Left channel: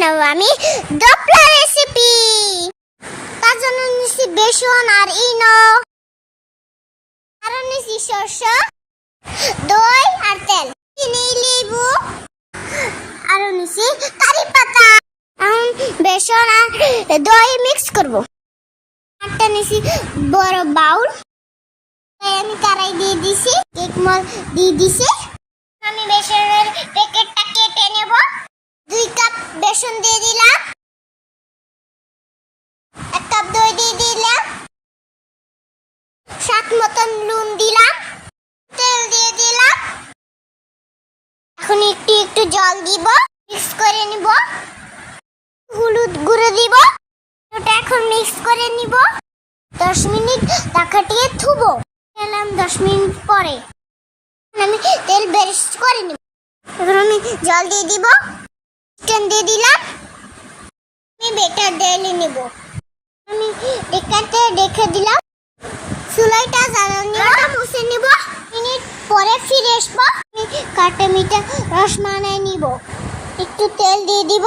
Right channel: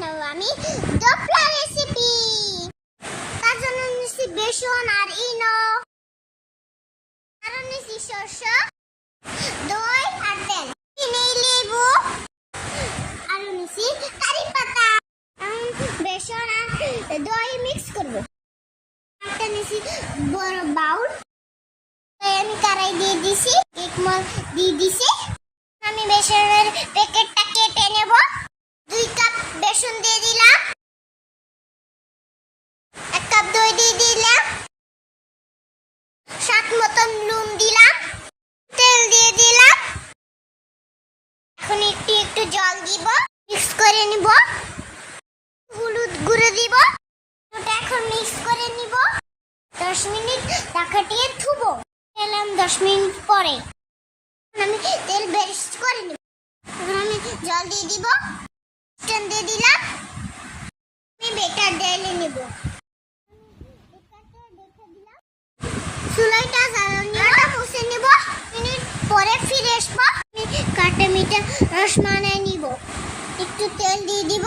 বানাবো আমি দোপলা রেসিপি। তার জন্য নিচ্ছি বেসন আর ইনো, আর নিচ্ছি সরষে, দই আর তেল, চিনি, লেবু, আর নিচ্ছি কারি পাতা। এখন বেসন আর দই মিক্স করব। একটা নিচ্ছি বড় বাউল, আমি কড়াই দিয়ে দিছি, কেক মল দিয়ে দিছি। আমি বেসনের প্যাকেটটা কেটে নেব। 2 কাপ বেসন দিয়ে দিলাম, 1 কাপ দই দিয়ে দিলাম, স্বাদ মতন নুন দিলাম, তেল দিয়ে দিলাম। এখন একটু একটু জল দিব, মিক্স করে নিব। হলুদ গুঁড়ো দিব। ওটা এখন মিক্স করে নিব। 10 মিনিট ঢাকাটিয়ে থুবো। এলাম 10 মিনিট পরে আমি তেল বেরিশ করে নিব। এখন আমি জল দিয়ে দিব, চিকেন দিয়ে দিলাম। আমি বেটার ঢেলে নিব। আমি ডেকাতে রেখে দিলাম। চুলাটা জ্বালানি মুছে নিব। মিনিট পরে ফিরে আসবো। আমি কাটা মিঠা রসমালাই নিব। একটু তেল দিয়ে দিব,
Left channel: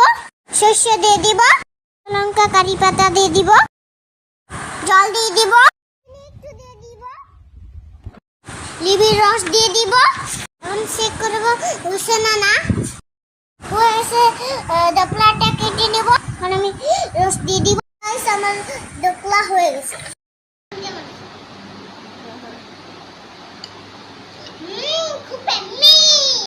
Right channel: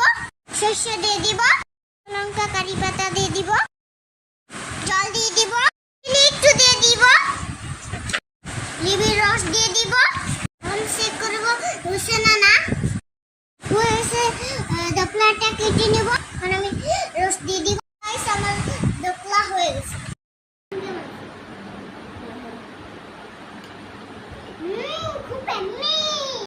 সরষে দিয়ে দিব, লঙ্কা কারি পাতা দিয়ে দিব, জল দিয়ে দিব, একটু দিয়ে দিব, লেবুর রস দিয়ে দিব। আমি চেক করব হচ্ছে না হয়েছে। দোপলাটা কেটে নেব।